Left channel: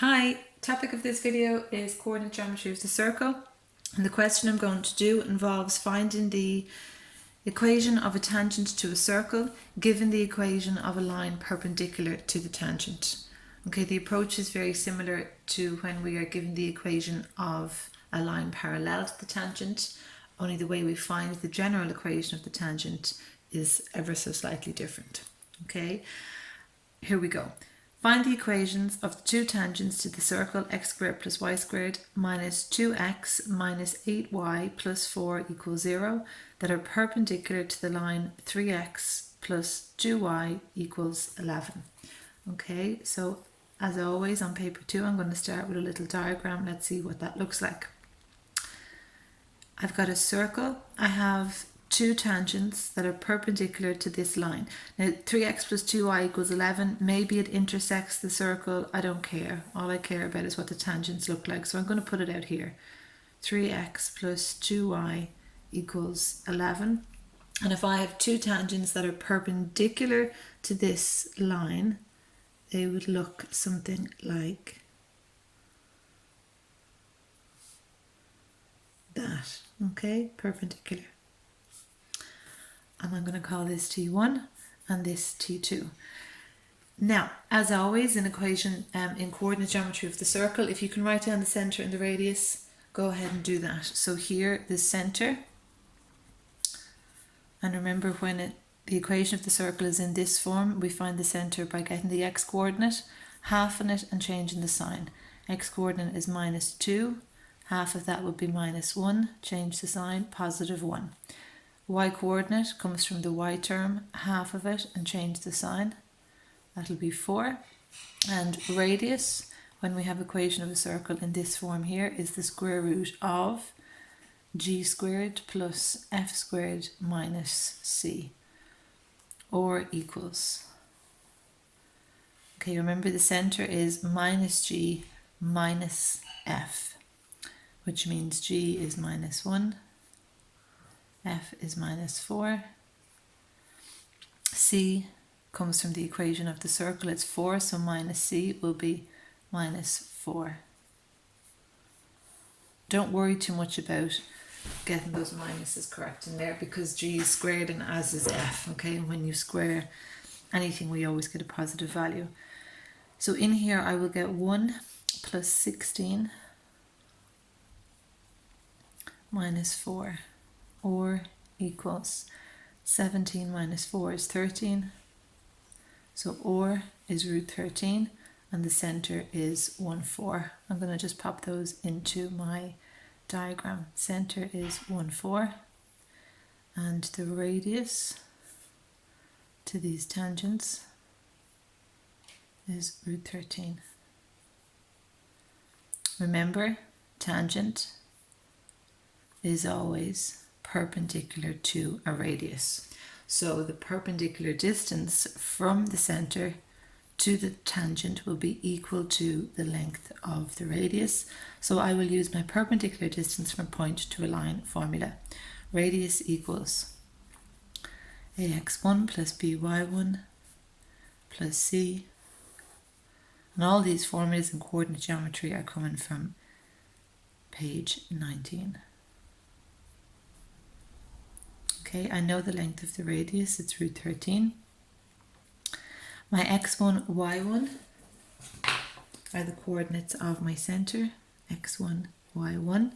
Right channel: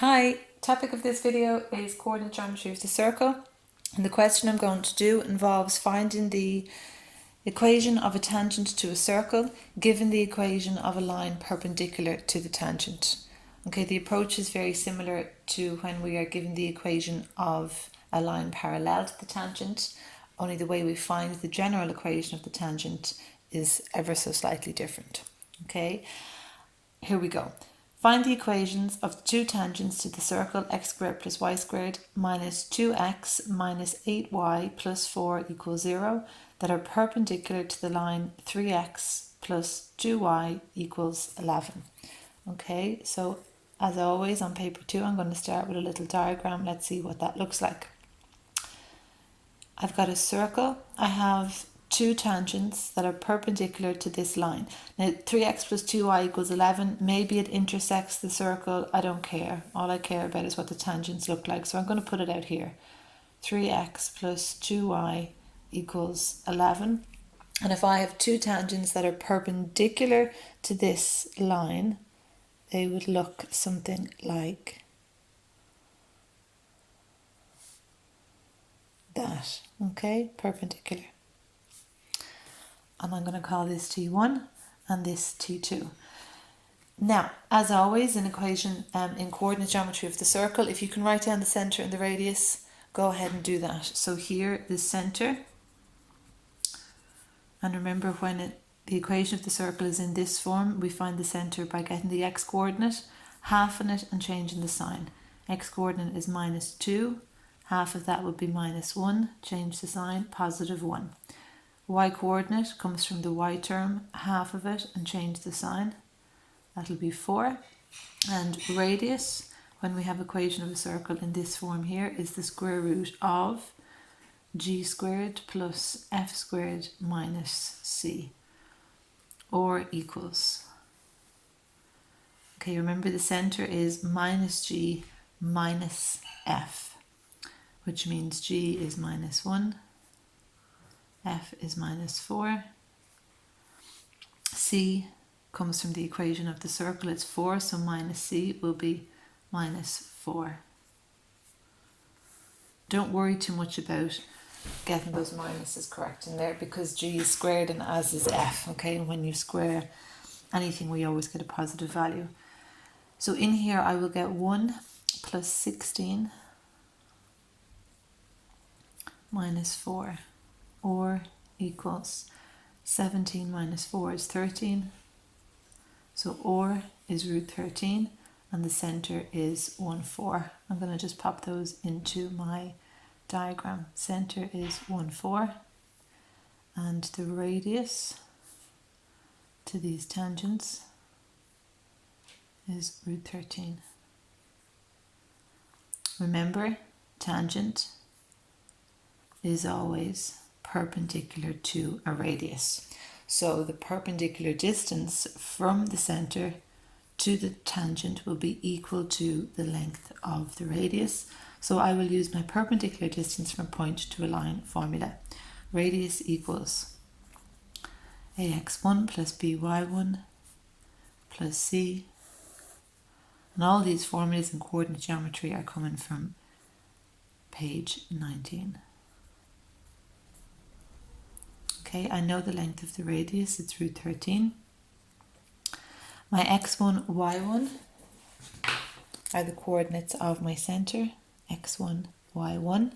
Hi, topic of this video is coordinate geometry of the circle, and the question I'm going to do involves finding the equation of a tangent to a circle given the equation of a line perpendicular to the tangent. Okay, the approach is very similar to when we are given the equation of a line parallel to the tangent, only the way we find the general equation of the tangent is ever so slightly different. Okay, here we go. Find the equations of the two tangents to the circle x squared plus y squared minus 2x minus 8y plus 4 equals 0 that are perpendicular to the line 3x plus 2y equals 11. Okay, so as always on paper 2, I'm going to start with a little diagram. Let's see what that looks like. I've got a circle. I have two tangents that are perpendicular to this line. Now 3x plus 2y equals 11. Maybe it intersects the circle. I don't care. All I care about is what the tangents look like. So I'm going to put it out here. 3x plus 2y equals 11. And if I have two tangents that are perpendicular to this line, they would look something like that. Okay, perpendicular. And I'm going to call this T1 and this T2. Now, as always, in equation in coordinate geometry of the circle, if you can write down the centre and the radius, go ahead and do that. So here, the centre, and remember when the equation of the circle is in this form, we find the centre by getting the x-coordinate, halving it and changing the sign. X-coordinate is minus 2, half of that would be minus 1, change the sign, positive 1. Y-coordinate comes from the y term, half of it and change the sign. That'll be 4. And radius, when we have equation of a circle in this form here, is the square root of g squared plus f squared minus c, or equals. Okay, remember the centre is minus g minus f, which means g is minus 1. F is minus 4. C comes from the equation of the circle. It's 4, so minus C will be minus 4. Don't worry too much about getting those minuses correct in there because G is squared and as is F. Okay, and when you square anything, we always get a positive value. So in here, I will get 1 plus 16 minus 4. Or equals 17 minus 4 is 13. So or is root 13 and the centre is 1, 4. I'm going to just pop those into my diagram. Centre is 1, 4 and the radius to these tangents is root 13. Remember, tangent is always perpendicular to a radius. So the perpendicular distance from the centre to the tangent will be equal to the length of the radius. So I will use my perpendicular distance from a point to a line formula. Radius equals ax1 plus by1 plus c. And all these formulas in coordinate geometry are coming from page 19. Okay, I know the length of the radius, it's root 13. My x1, y1 are the coordinates of my centre, x1, y1.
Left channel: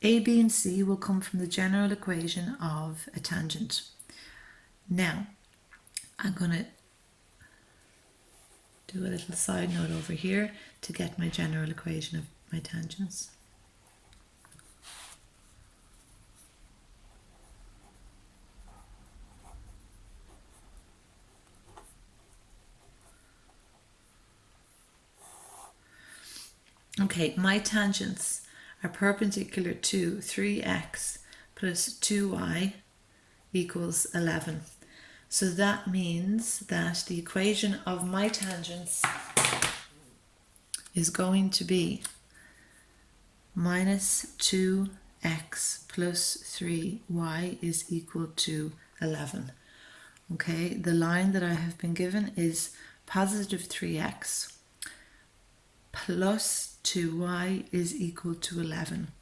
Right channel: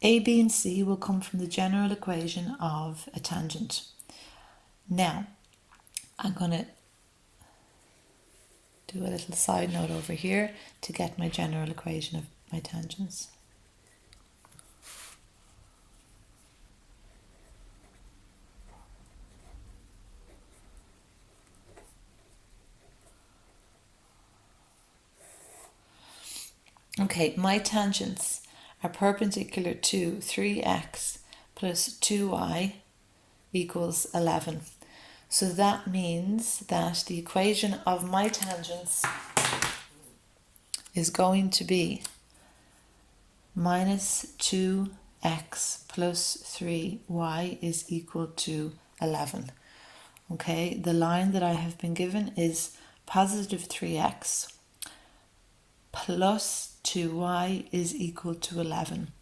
A, b and c will come from the general equation of a tangent. Now, I'm going to do a little side note over here to get my general equation of my tangents. Okay, my tangents are perpendicular to 3x plus 2y equals 11. So that means that the equation of my tangents is going to be minus 2x plus 3y is equal to 11. Okay, the line that I have been given is positive 3x plus 2y is equal to 11.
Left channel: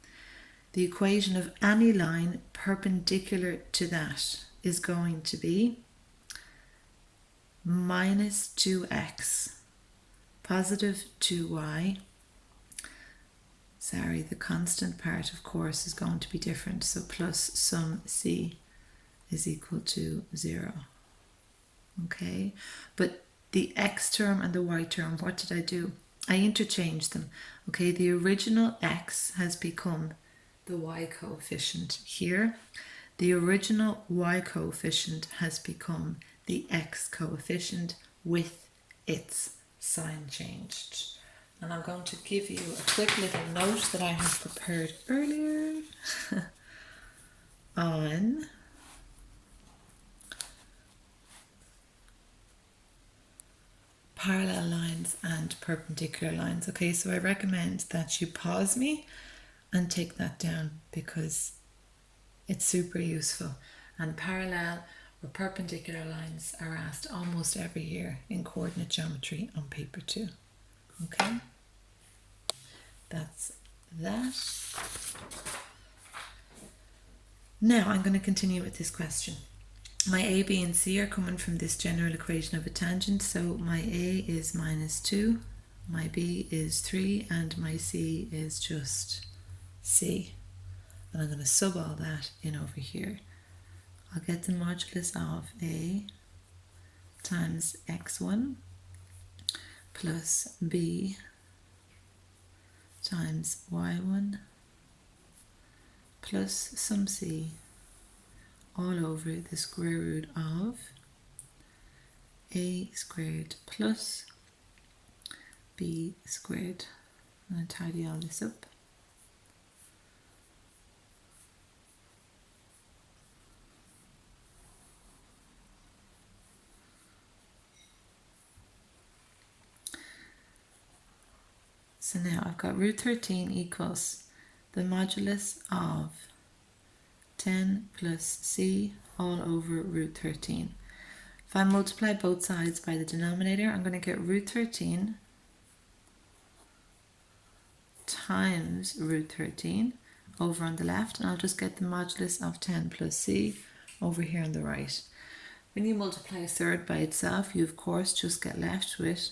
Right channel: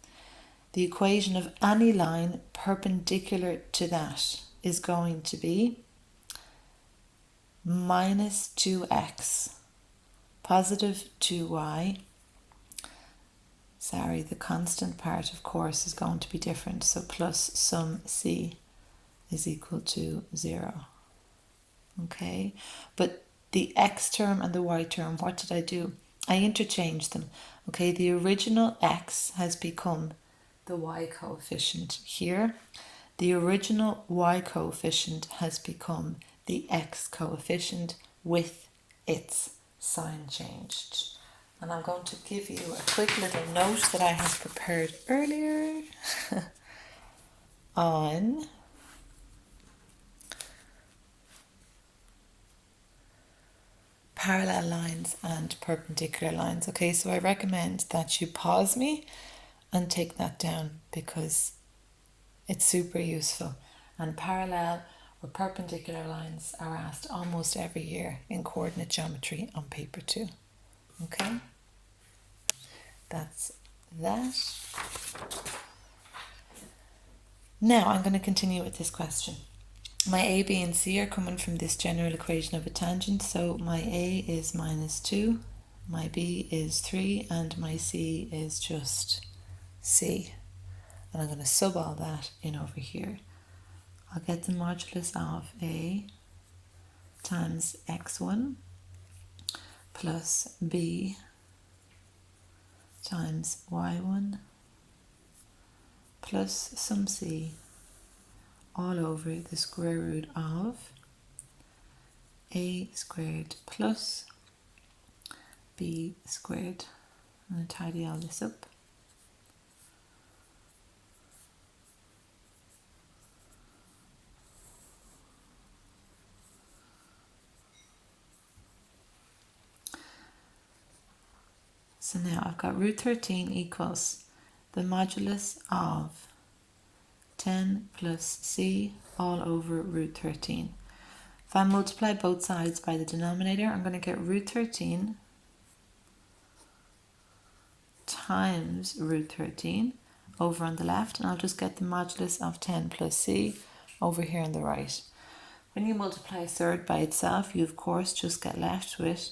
The equation of any line perpendicular to that is going to be minus 2x, positive 2y. Sorry, the constant part, of course, is going to be different. So plus sum c is equal to 0. Okay, but the x term and the y term, what did I do? I interchanged them. Okay, the original x has become the y coefficient here. The original y coefficient has become the x coefficient with its sign changed. And I'm going to give you a quick little note that I have prepared earlier on parallel lines and perpendicular lines. Okay, so I recommend that you pause me and take that down because it's super useful. And parallel or perpendicular lines are asked almost every year in coordinate geometry on paper 2. Okay, that's that. Now I'm going to continue with this question. My a, b and c are coming from this general equation of a tangent. So my a is minus 2, my b is 3, and my c is just c. And I'm going to sub all that in over here. I'll get the modulus of a times x1 plus b times y1 plus some c all over the square root of a squared plus b squared. I'm going to tidy all this up. So now I've got root 13 equals the modulus of 10 plus c all over root 13. If I multiply both sides by the denominator, I'm going to get root 13 times root 13 over on the left, and I'll just get the modulus of 10 plus c over here on the right. When you multiply a third by itself, you of course just get left with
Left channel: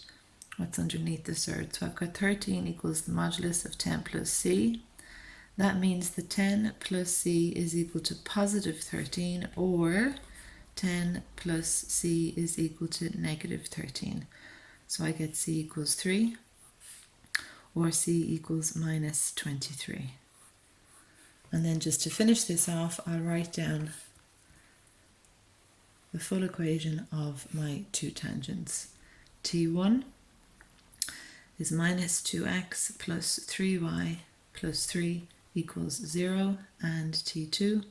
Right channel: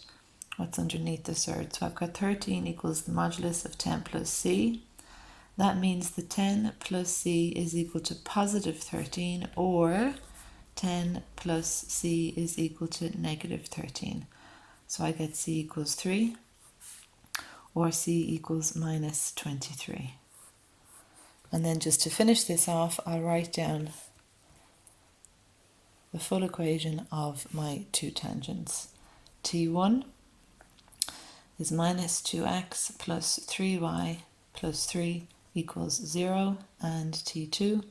what's underneath the third. So I've got 13 equals the modulus of 10 plus c. That means the 10 plus c is equal to positive 13, or 10 plus c is equal to negative 13. So I get c equals 3, or c equals minus 23. And then just to finish this off, I'll write down the full equation of my two tangents. T1 is minus 2x plus 3y plus 3 equals 0, and T2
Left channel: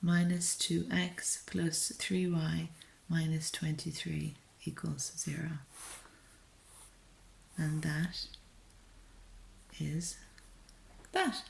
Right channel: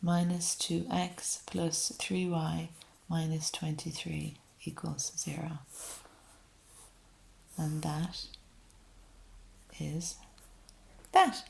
minus 2x plus 3y minus 23 equals 0. And that is that.